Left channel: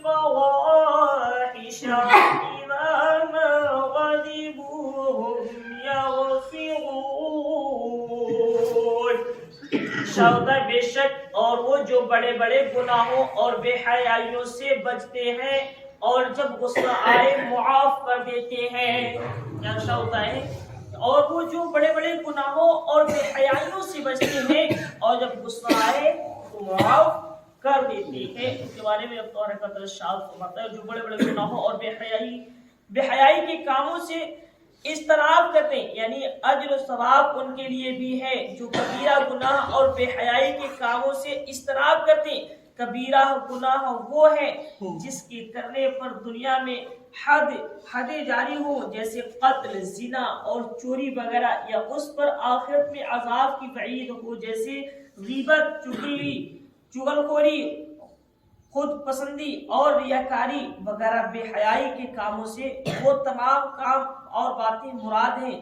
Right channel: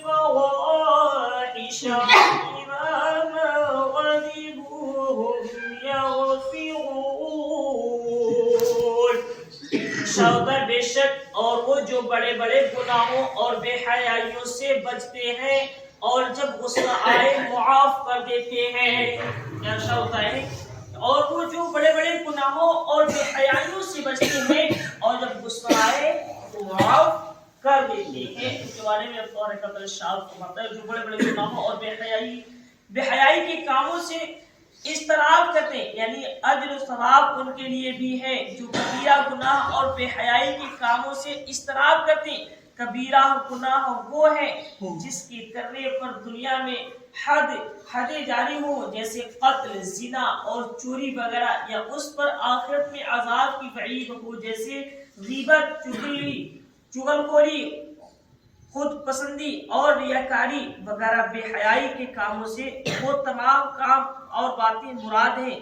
والفواحش بما غضبوا هم يغفرون. شاہدہ بے شک اور وہ جو بڑے بڑے گناہوں اور بے حیائیوں سے بچتے ہیں اور جب غصہ آئے معاف کر دیتے ہیں. کیا ہوتا ہے؟ اور وہ جو بڑے بڑے گناہوں اور بے حیائیوں سے بچتے ہیں اور جب غصہ آئے تو معاف کر دیتے ہیں. اس کے بارے میں اب تو ارشاد فرماتا ہے جو بڑے بڑے گناہوں اور بے حیائی کے کاموں سے اجتناب کرتے ہیں یعنی اجر و ثواب ان کے لیے بھی ہے. جو کبیرہ گناہ اور بے حیائی کے کاموں سے اجتناب کرتے ہیں. کبیرہ گناہ وہ ہے جس کی کرنے پر دنیا میں حدیں جاری ہوں جیسے قتل، زنا اور چوری وغیرہ، یا اس پر آخرت میں عذاب کی وعید ہو جیسے غیبت، چغلخوری، خود پسندی اور ریاکاری وغیرہ. بے حیائی کے کاموں سے وہ تمام کام اور باتیں مراد ہیں.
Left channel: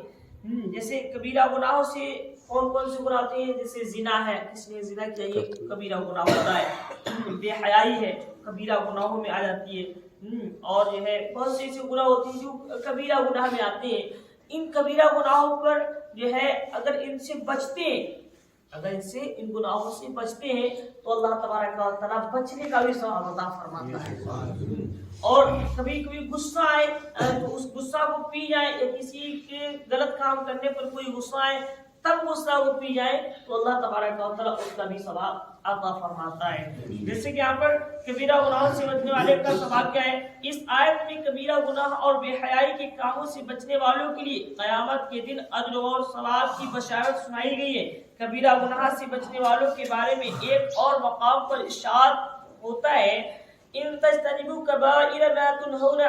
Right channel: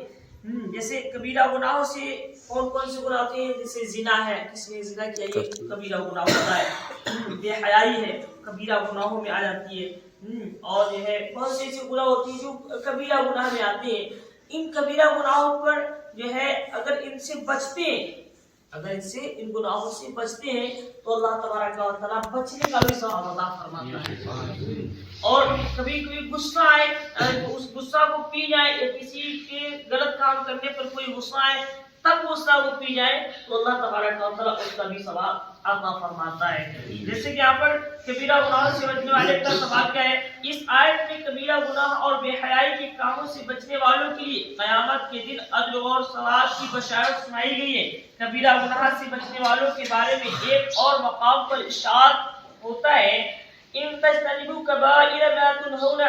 جیسے کبیرہ گناہوں سے کون کون سے گناہ ہوتے ہیں؟ جیسے زنا ہے، کسی نے زنا کیا یہ کبیرہ گناہ ہوتا ہے. بے حیائی ہے کبیرہ گناہوں میں آ جاتی ہے. اور جو ہے بہت سے ایسے گناہ ہوتے ہیں جو کبیرہ گناہ میں آتے ہیں. ان کبیرہ گناہوں پر جو ہے اگر ان سے بچتے ہیں، ان گناہوں سے بچتے ہیں تو اللہ تبارک و تعالیٰ بچنے کا بھی ثواب عطا فرماتا ہے. اور کبھی غصہ آئے تو اس غصہ کو پی جائے، یا کسی کے غلط کام کرنے پر کوئی غصہ آئے تب غصہ وہ پی جائے تو اللہ تبارک و تعالیٰ اس کا بھی ثواب عطا فرماتا ہے. جیسے کہ یہاں پر کبیرہ گناہوں سے بچنے والے کا ثواب کیا ہے؟ اس آیت میں کبیرہ گناہ اور بے حیائی کے کاموں سے بچنے والوں کے لیے قیامت کے دن اجر اور ثواب کی بشارت سنائی گئی ہے. کبیرہ گناہ سے بچنے والوں کے بارے میں ایک اور مقام پر ارشاد ہوتا ہے ان تجتنبوا کبائر ما تنهون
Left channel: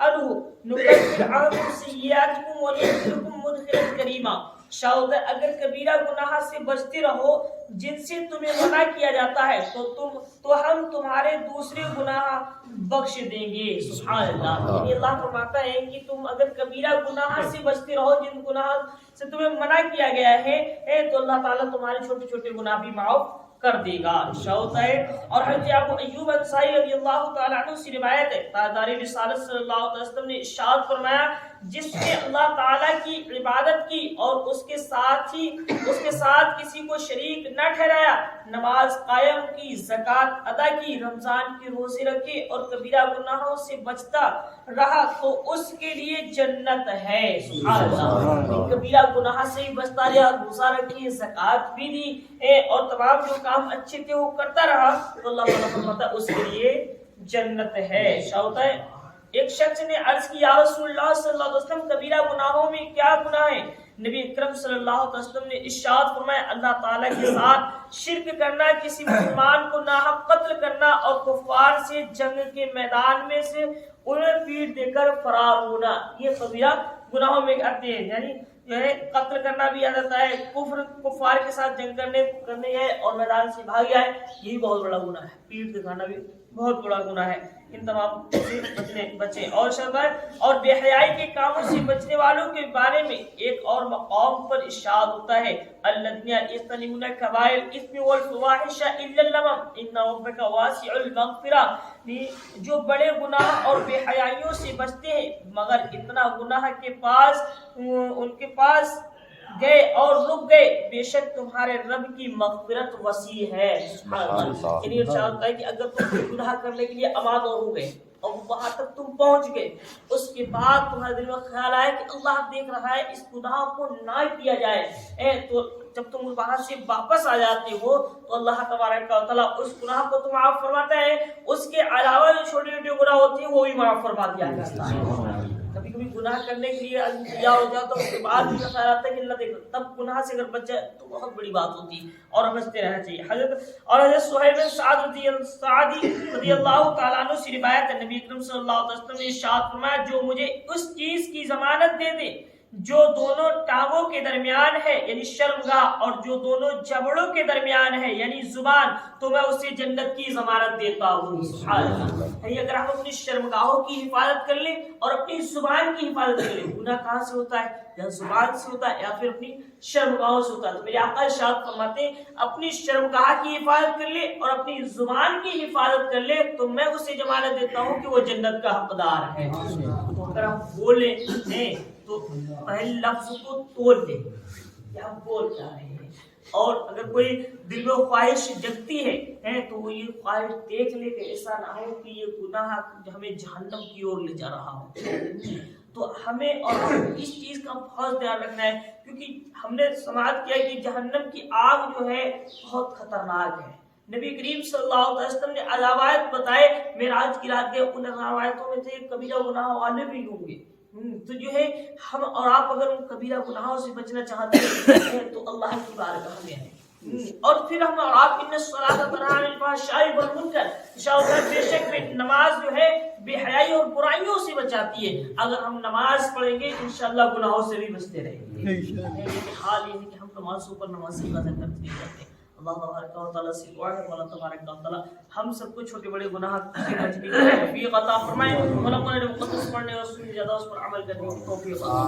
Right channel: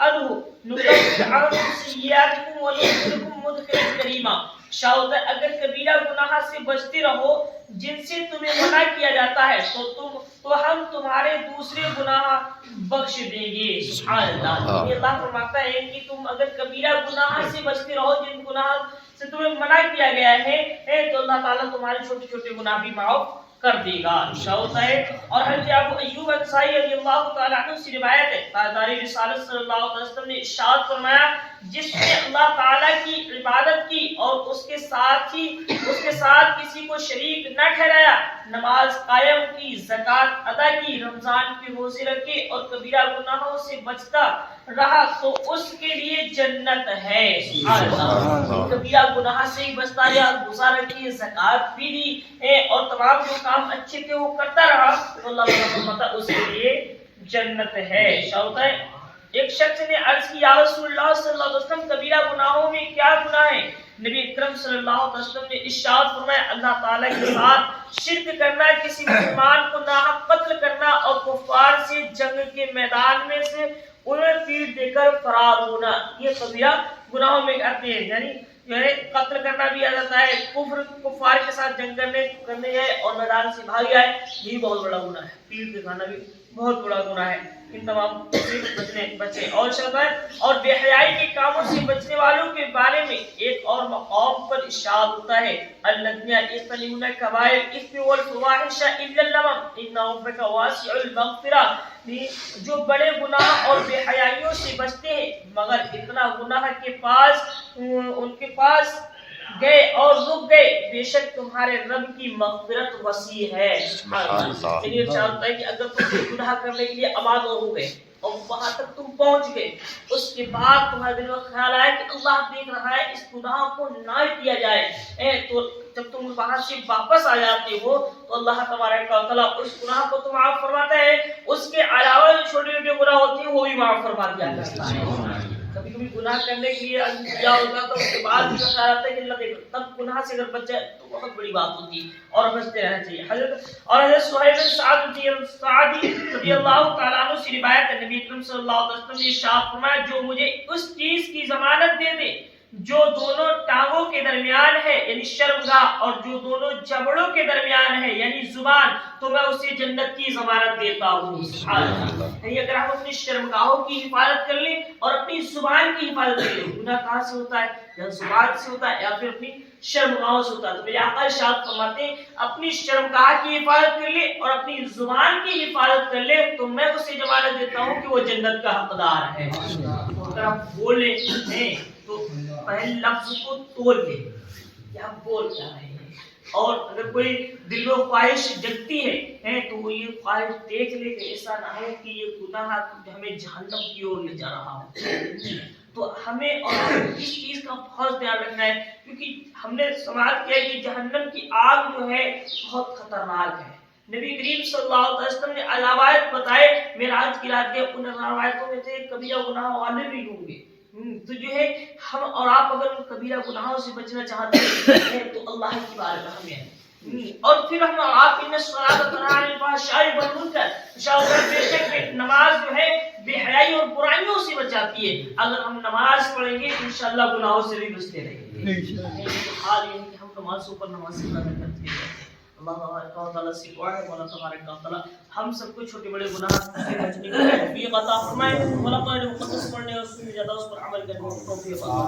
عنه نكفر عنكم سيئاتكم وندخلكم مدخلا کریما. شاہد اگر کبیرہ گناہ سے بچتے رہو جن سے تمہیں منع کیا جاتا ہے تو ہم تمہارے دوسرے گناہ بخش دیں گے. سبحان اللہ. اللہ فرماتا ہے کہ تم اگر کبیرہ گناہ سے بچتے رہو جن گناہ سے تمہیں منع کیا گیا ہے تو اللہ تعالیٰ تمہارے چھوٹے چھوٹے گناہ بھی معاف کر دے گا. شاہد ہے. اور حضرت ابو ایوب انصاری رضی اللہ تعالیٰ عنہ سے روایت ہے تاجدار رسالت صلی اللہ علیہ وسلم نے ارشاد فرمایا جس نے اللہ تعالیٰ کی عبادت کی اور اس کے ساتھ کسی کو شریک نہ ٹھہرایا، نماز قائم کی، زکوٰۃ ادا کی، رمضان کے روزے رکھے اور کبیرہ گناہوں سے بچتا رہا تو اس کے لیے جنت ہے. سبحان اللہ. کبیرہ گناہ سے ہی بچتا رہا، روزہ رکھی، زکوٰۃ بھی دی اور تمام جو کام اچھے تھے وہ کرتا رہا تو اللہ تعالیٰ اس کے لیے جنت ہے. شاہد ہے. ایک شخص نے عرض کی یا رسول اللہ صلی اللہ علیہ وسلم کبیرہ گناہوں میں کیا گناہ ہے؟ نبی اکرم صلی اللہ علیہ وسلم نے ارشاد فرمایا اللہ تعالیٰ کے ساتھ شرک کرنا، کسی مسلمان کو ناحق قتل کرنا اور کفار سے جنگ کے میدان میں سے انہیں پیٹ دے کر فرار ہونا. یہ کبیرہ گناہوں میں آتے ہیں. یعنی قتل کرنا بھی آ جاتا ہے، کفار کے ساتھ جنگ کرنے گئے اور میدان سے بھاگ گئے، یہ بہت بڑا گناہ ہے. پیٹ دکھانا بھی بہت بڑا گناہ ہے. ان تمام بچے اور شباب اور بے حیائی کے کاموں سے بچنے والوں کے بارے میں ایک اور مقام پر ارشاد ہوتا ہے الذین یجتنبون کبائر الاثم والفواحش الا اللمم ان ربک واسع المغفرہ. جو بڑے گناہ اور بے حیائیوں سے بچتے ہیں مگر اتنا گناہ ان کے پاس گئے اور رک گئے، بے شک تمہارے رب کی مغفرت وسیع ہے. یہ چاہتا ہے کہ اگر تم گناہ کرنے کے لیے آمادہ ہو گئے اور وہاں تک تم پہنچ گئے، اس کے بعد تمہارے دل میں خیال آیا کہ اللہ دیکھ رہا ہے اس گناہ کو نہ کیا جائے، تو جب تم وہاں سے واپس آ جاتے ہو تو اللہ تبارک و تعالیٰ اس گناہ کو تو معاف فرماتا ہے، اس کے علاوہ جو چھوٹے چھوٹے گناہ ہوتے ہیں وہ بھی معاف فرما دیا جاتا ہے. کبھی کبھی گناہ کرنے کے لیے کیا ہوتا تو اس کے بعد بھی خیال آتا ہے کہ اللہ دیکھ تب گناہ سے اگر بچ جائے تو بہت بڑی بات ہوتی ہے اور بچتے رہنا چاہیے. حضرت سہیل بن سعد رضی اللہ تعالیٰ عنہ سے روایت ہے نبی اکرم صلی اللہ علیہ وسلم نے ارشاد فرمایا جو مجھے اس چیز کی ضمانت دے دے جو دونوں ٹانگوں کے درمیان ہے یعنی شرمگاہ اور جو دونوں جبڑوں کے درمیان ہے یعنی زبان تو میں اسے جنت کی ضمانت دیتا ہوں. اگر ہم اپنی شرمگاہوں کی حفاظت کر لیں اور اپنی زبان کی حفاظت کر لیں, گناہ کہاں سے ہوتا ہے؟ یا زبان سے ہوتا ہے یا پھر اپنی شرمگاہوں سے ہوتا ہے. تو میرے آقا ارشاد فرماتے ہیں اپنی شرمگاہ کی حفاظت کر لے اور اپنی زبان کی حفاظت کر لے تو میں اسے ضمانت دیتا ہوں کہ وہ جنت کا حقدار ہے. تو اگر آپ بولیں ہیں تو پہلے لفظ کو تول لیں کہ آپ بول کیا رہے ہیں, اور اگر کوئی دل میں خواہش جگتی ہے تو وہ یہ خواہش دیکھ لے کہ ایسا نہ ہو کہ یہ گناہ ہمیں جہنم کی اور لے جا رہا ہو. تو ہمیں اور اس چیز کا بہت دھیان رکھنا ہے کیونکہ ہم نے سماعت کیا ہے کہ جہنم کی آگ جو ہے بہت خطرناک ہے. نبی کریم صلی اللہ علیہ وسلم نے علامات بتائے معراج کی رات کے, ان روایتوں میں سے کبیرہ گناہ والے بھی ہوں گے. تو جو ہے ہم اور آپ اگر ان کبیرہ گناہوں سے بچنا چاہتے ہیں تو اللہ کی بارگاہ میں ہیں, اور پھر ہم اور آپ ان الصلاۃ تنہی عن الفحشاء والمنکر انشاءاللہ بے شک نماز جو ہے بے حیائی اور برائیوں سے بچاتی ہے. اگر ہم نماز پڑھیں گے انشاءاللہ گناہوں سے بھی بچتے رہیں گے. حال یہ ہے کہ ہم نمازوں پر نماز سے زیادہ کرتے ہیں. اللہ تبارک و تعالیٰ سے دعا ہے مولا تبارک و تعالیٰ ہم سب کو چھوٹے بڑے گناہ سے بچنے کی توفیق عطا فرمائے. مولا قرآن مقدس پڑھنے اور سننے زیادہ اس پر عمل کرنے کی توفیق عطا